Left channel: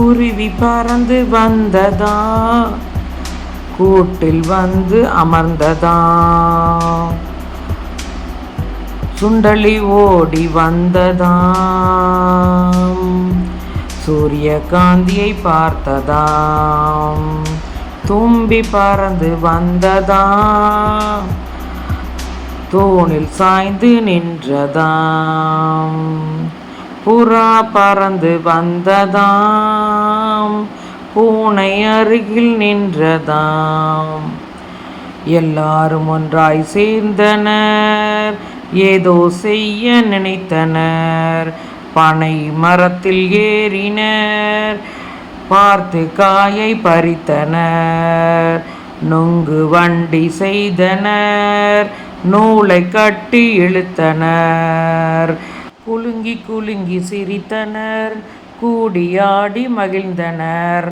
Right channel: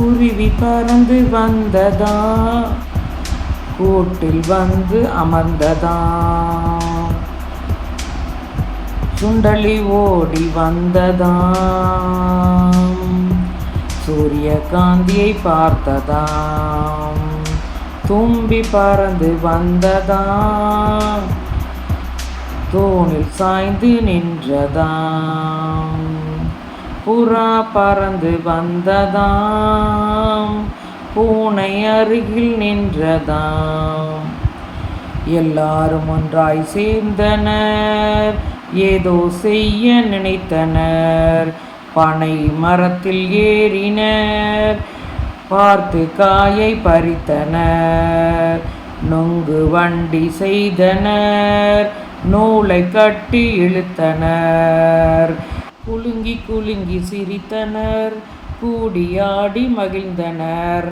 குருவி பறந்து வந்ததா, கூட்டில் வந்து அமர்ந்ததா. சுண்டலி ஓடி வந்ததா, சூரிய காந்தியை பார்த்ததா. தும்பி பறந்து வந்ததா, தூணில் சாய்ந்து நின்றதாம். புறா பறந்து வந்ததாம், பூனை அருகில் நின்றதாம். எல்லாரும் ஒன்றாய் சேர்ந்தனர், ஏதோ செய்ய நினைத்தனர். பனை மரத்தில் ஏறினர், பார்த்து காயை பறித்தனர். நொங்கு வண்டி செய்தனர், நூலை கட்டி இழுத்தனர். குலுங்கி குலுங்கி சிரித்தனர், கூடியாடி மகிழ்ந்தனர்.